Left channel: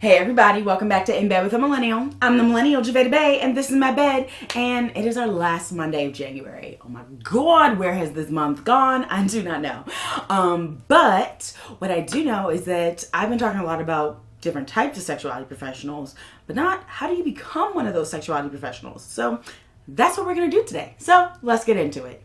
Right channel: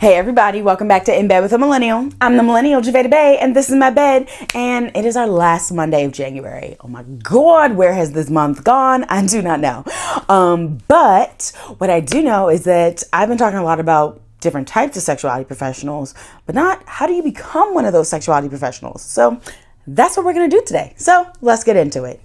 Hey everybody, welcome back to In Bed with a Millennial. I'm the Millennial Javeda Bay, and this is my bed, and it is our last Monday of January. Oh my God, where has this month gone? I do not know. But what I do know is that I've been talking a lot about different types of sexuality professionals, but not how do you become one of those sexuality professionals. So that's what we're going to do today. So let's get into it.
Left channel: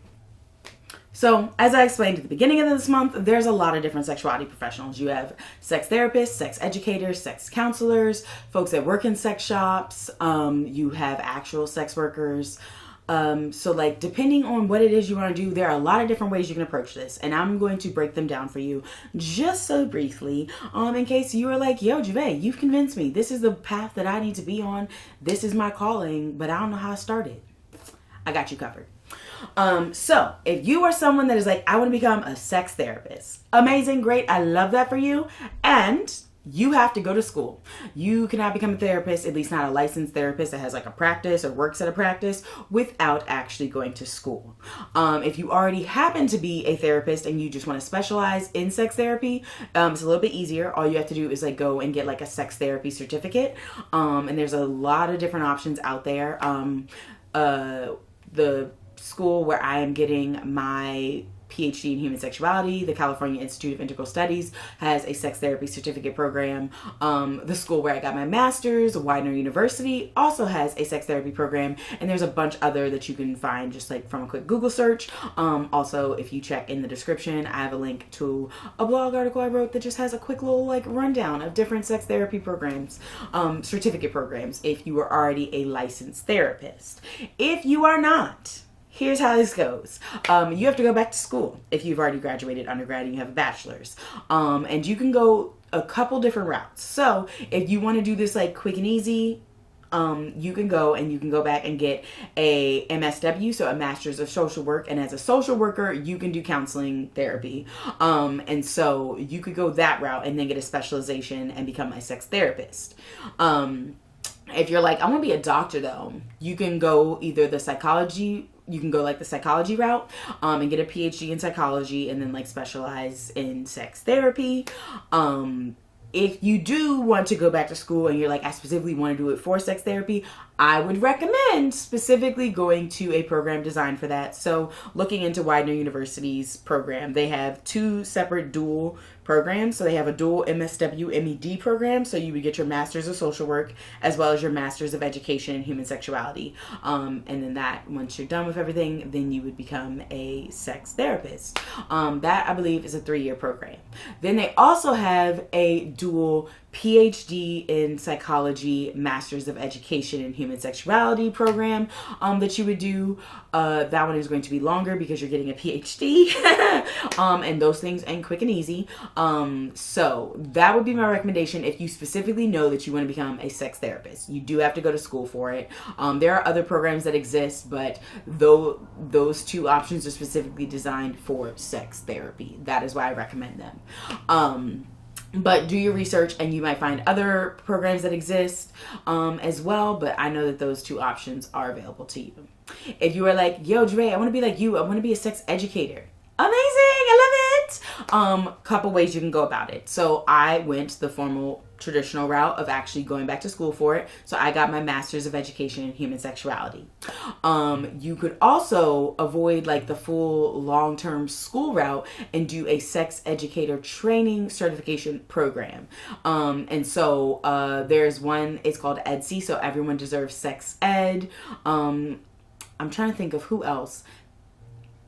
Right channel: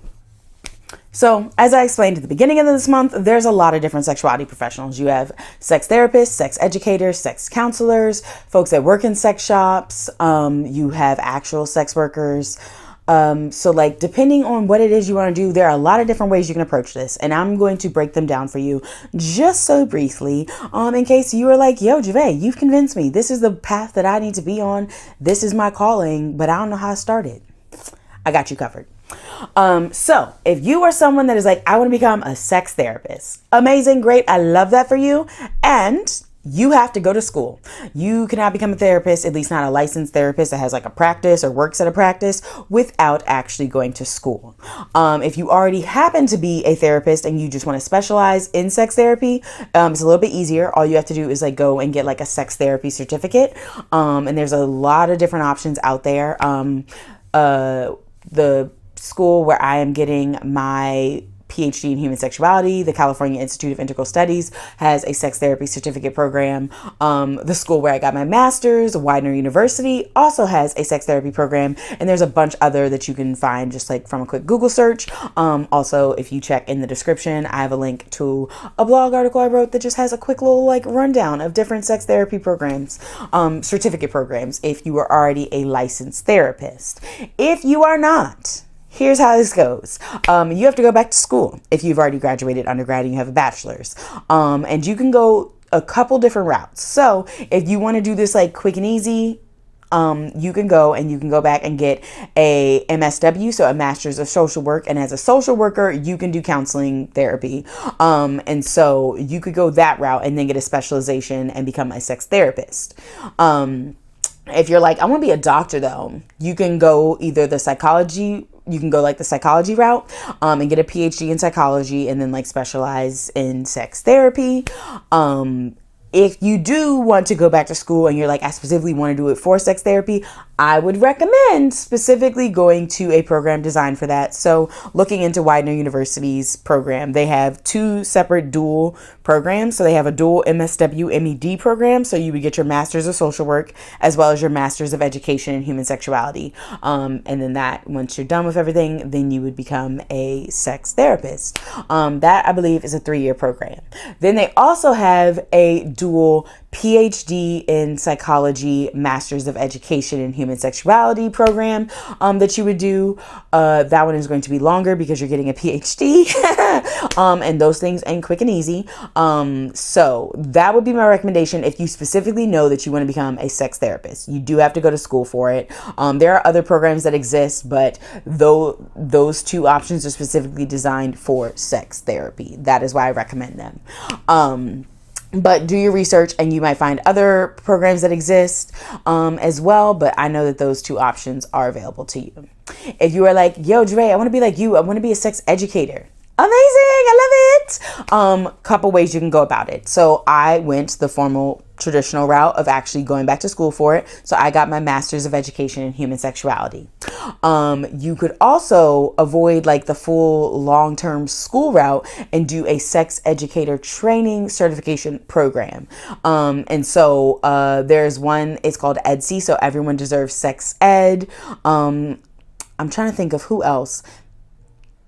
So, as I explained at the beginning of this month, there's a lot of different sexuality professionals. You have sex therapists, sex educators, sex counselors, folks that work in sex shops. You have actual sex workers. So depending on what it is you want to do, there are a lot of different ways you can approach this. And I'm going to break them down for you just so briefly, in case you are like, yo, Javay, you've convinced me. This is the path that I need to be on. This is my calling, but I don't know how I started. I got you covered. So if you are someone that is like, I want to become a sex therapist, amazing, great. I love that for you. And you have to go to school. You cannot become a therapist, at least not a licensed therapist that has like a practice or works at a practice, without actually going to school. If you already happen to be a therapist and you just want to specialize in sex therapy, it's a little bit easier. All you have to do is go and get a sex therapy certificate. And there's a lot of different options out there. The school where I am getting my PhD in human sexuality, the California Institute of Integral Studies, has a sex therapy certificate program. The school where I got my master's, Widener University, also has a sex therapy program. And there's a bunch other that you can find just from a quick Google search. Also, if you check in the description, I have a link to a blog article I wrote that just has a quick little rundown of different sex therapy programs, certificate programs, if you are already a licensed therapist. If you are not, here's how this goes. You have to go back to school if you've already graduated undergrad and you have a bachelor's. And you can go a couple different routes. So if you want to do this quick and easy, you can go back and get a MSW, so a Master's of Social Work. And as a social worker, you can do counseling therapy. And so you could go that route and then get a specialization and become a sex therapist. If you're like, I want to be a doctor though, you can go either the psychology route, and get a PhD in psychology and then specialize in sex therapy. If you do want to go back to school and you're like, I specifically want to do it for sex therapy, I would recommend specifically going to a program designed for that. So looking into Widener University's program, they have two separate dual programs. So they have a dual MSW MED program. So you would get your Master's of Social Work as well as your Master's of Education in Human Sexuality. And then once you're done with everything, then you would become a sex therapist. That I believe is a 3-year program. Then they also have a dual PhD in Psychology, Masters of Education in Human Sexuality program that you would do. That one is going to be longer because you're getting a PhD. And those things ain't quick and easy. So that would be my recommendation if you specifically know that you want to become a sex therapist. You do have to go to school for it. There are other programs that exist, but those two options are specifically designed for sex therapy. That is why I recommend them. But do your research and you might find other programs that exist as well. But I know that those two options are available to you. If you are like, yo, Dre, I want to be like you. I want to be a sex educator. Amazing. I love it. Couple ways you can go about it. So I went the formal traditional route of actually going back to school for it. So I got my Master's of Education in Human Sexuality. You could also avoid the full long-term school route and do a sex educator training certification program. And so there's one, it's called EDSE. So Everyone Deserves Sex Ed. I'm trying to think of who else.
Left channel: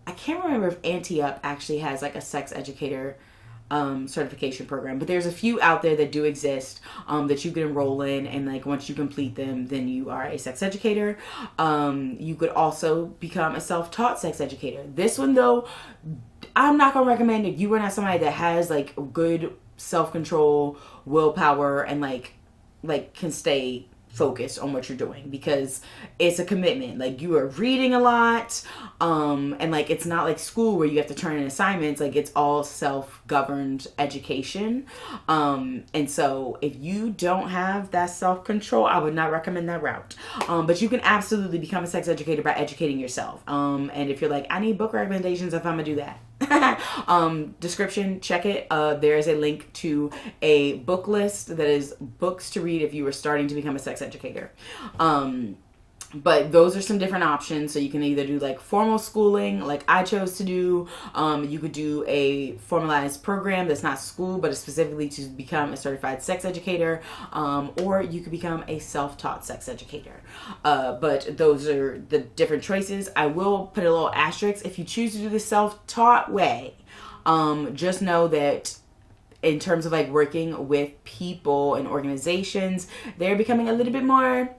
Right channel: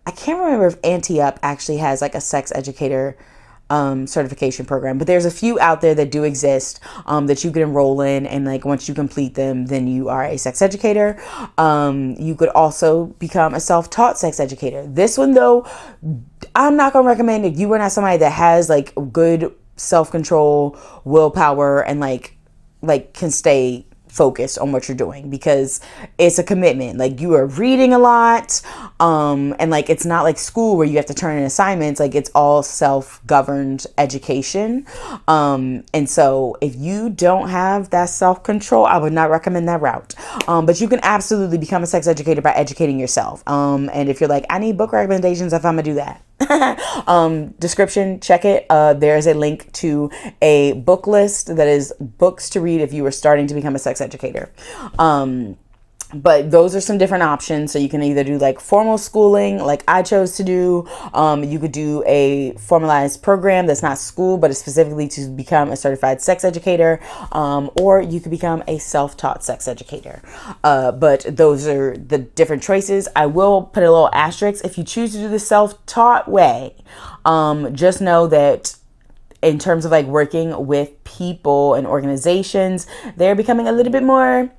I can't remember if Anti-Up actually has a sex educator certification program, but there's a few out there that do exist that you can enroll in, and once you complete them, then you are a sex educator. You could also become a self-taught sex educator. This one though, I'm not gonna recommend if you are not somebody that has good self-control, willpower, and can stay focused on what you're doing, because it's a commitment. You are reading a lot, and it's not like school where you have to turn in assignments. It's all self-governed education, and so if you don't have that self-control, I would not recommend that route. But you can absolutely become a sex educator by educating yourself, and if you're like, I need book recommendations, if I'm gonna do that, description, check it. There's a link to a book list that is books to read if you were starting to become a sex educator. But those are some different options. So you can either do like formal schooling, like I chose to do. You could do a formalized program that's not school, but it's specifically to become a certified sex educator. Or you could become a self-taught sex educator. But those are the different choices. I will put a little asterisk. If you choose to do the self-taught way, just know that in terms of like working with people and organizations, they're becoming a little bit more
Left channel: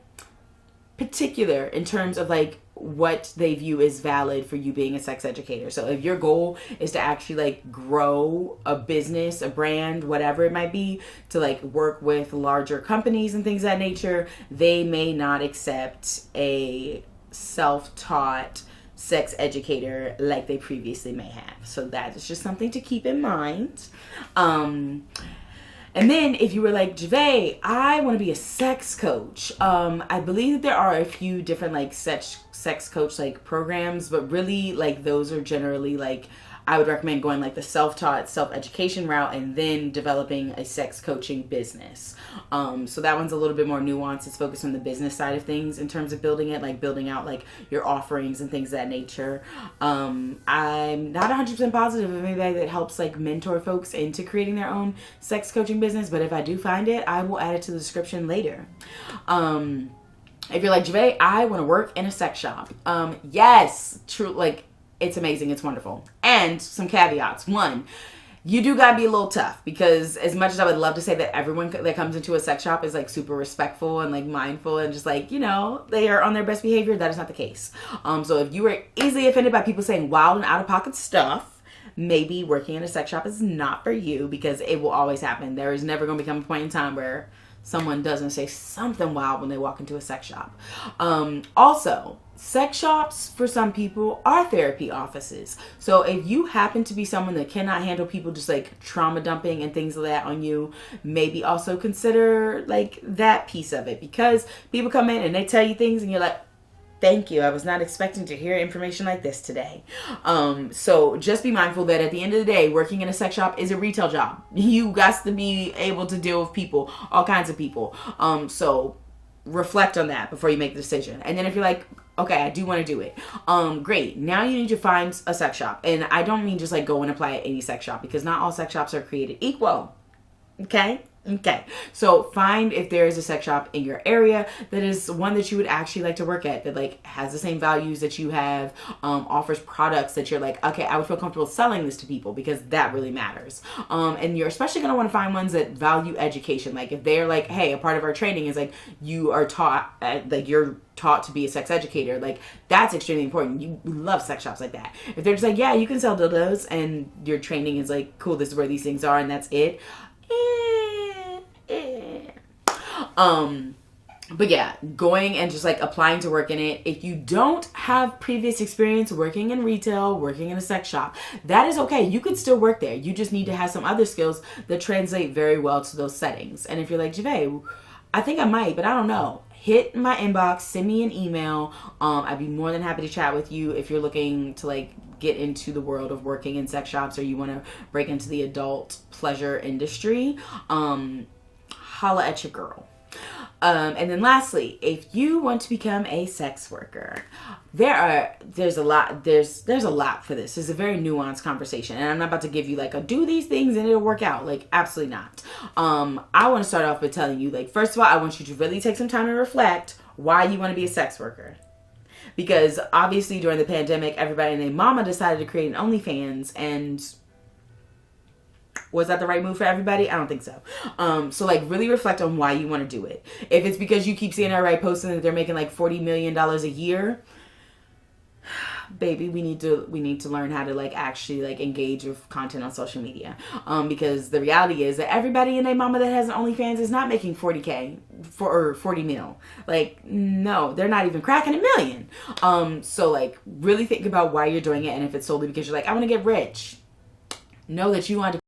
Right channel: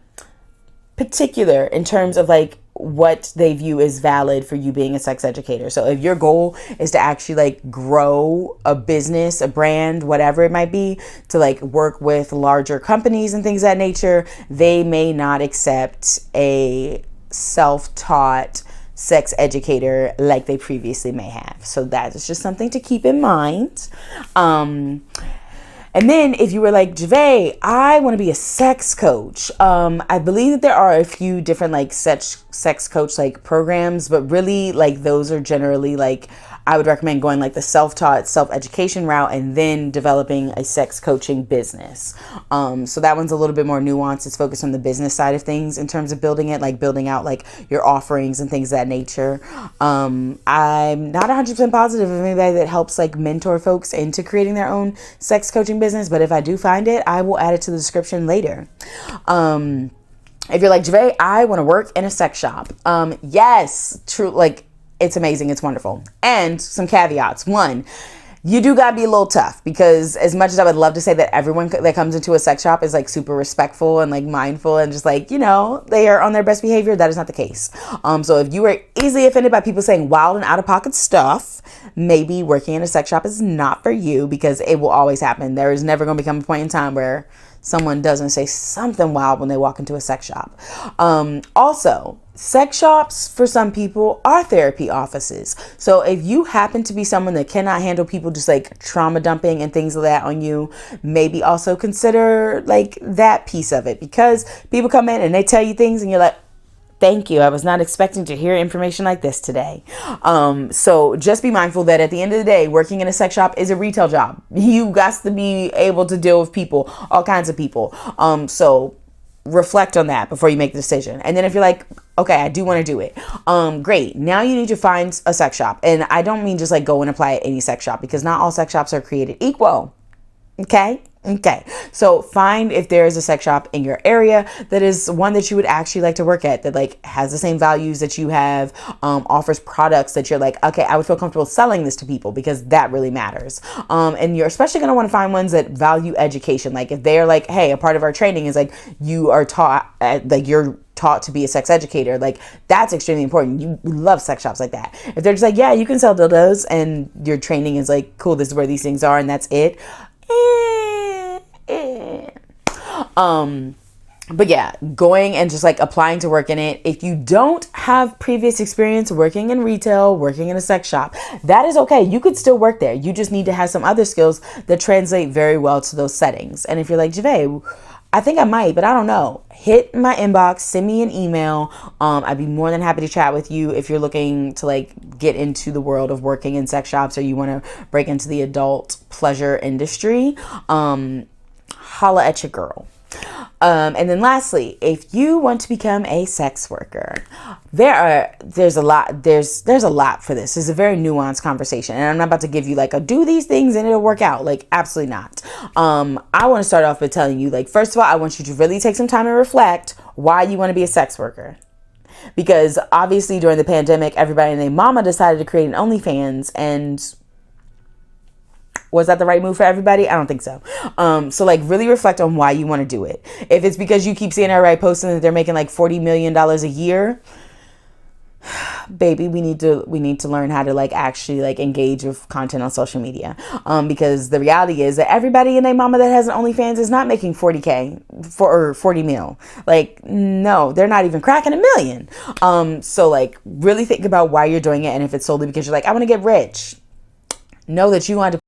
particular in terms of like what they view as valid for you being a sex educator. So if your goal is to actually like grow a business, a brand, whatever it might be, to like work with larger companies and things of that nature, they may not accept a self-taught sex educator like they previously may have. So that is just something to keep in mind. And then if you were like, Javay, I want to be a sex coach. I believe that there are a few different like sex coach like programs, but really like those are generally like, I would recommend going like the self-taught, self-education route and then developing a sex coaching business. So that one's a little bit more nuanced. It's focused on the business side of things in terms of building it, like building out like your offerings and things of that nature. I'm not 100% positive of anybody that helps like mentor folks into creating their own sex coaching business, but if I do find it, I will add it to the description later. If you're like, Javay, I want to work in a sex shop. Yes, true. Like, it's amazing. It's wonderful. And some caveats. One, you do gotta be a little tough, because as much as I would love to say that everyone that comes into a sex shop is like super respectful and like mindful and just like, you know, they are on their best behavior, that is not the case. So if you are easily offended by people saying wild and out of pocket stuff, maybe working in a sex shop is not for you, because it will always happen. There is never going to become a point in time where someone doesn't say something wild when they walk into a sex shop. Also, sex shops for some people are therapy offices. So if you happen to be someone that cannot handle people just like trauma dumping and things like that on you, maybe also consider like that piece of it, because people come in and they tell you things and you're like, thank you. I was not expecting to hear information like this today. So just be mindful that at the end of the day, working in a sex shop is a retail job. You got to be able to deal with people, all kinds of people. So reflect on that before you make the decision. And then if you're like, okay, I do want to do it. Great. Now you need to find a sex shop. And I don't mean just like go and apply at any sex shop, because not all sex shops are created equal. Okay. So find if there is a sex shop in your area that is one that you would actually like to work at, that like has the same values that you have, offers products that you're like, okay, I would feel comfortable selling this to people, because that really matters. And you're especially going to want to find ones that value education. Like if they're like, hey, a part of our training is like you are taught, like you're taught to be a sex educator, like that's extremely important. You love sex shops like that. If they're just like, yeah, you can sell dildos, and your training is like, cool, this is where these things are and that's it. But yeah, going and just like applying to work in it. If you don't have previous experience working in retail, working in a sex shop, that is okay. You could still work there. You just need to have some other skills that translate very well to those settings. And if you're like, Javay, I think I might, but I don't know, hit my inbox, send me an email. I'd be more than happy to chat with you if you're looking to like get into the world of working in sex shops, or you want to break into the adult pleasure industry. Holla at your girl. And then lastly, if you want to become a sex worker, there's a lot for this. It's a very nuanced conversation, and I'm not about to give you like a do these things and it'll work out. Like, absolutely not. I want to start off by telling you, like, first of all, I want you to really take some time and reflect why you want to be a sex worker. Because obviously during the pandemic, everybody and their mama decided to create an OnlyFans, and was that the right move for everybody? I don't think so. So like really reflect on why you want to do it. If it's because you keep seeing everybody posting that they're making like $40 million a year, baby, we need to learn how to like actually like engage with content on social media. Because the reality is that everybody and their mama that has an OnlyFans is not making 40K or 40 mil. Like, no, they're not even cracking $1 million. So like really think about why you're doing it. And if it's solely because you're like, I want to get rich, know that you want to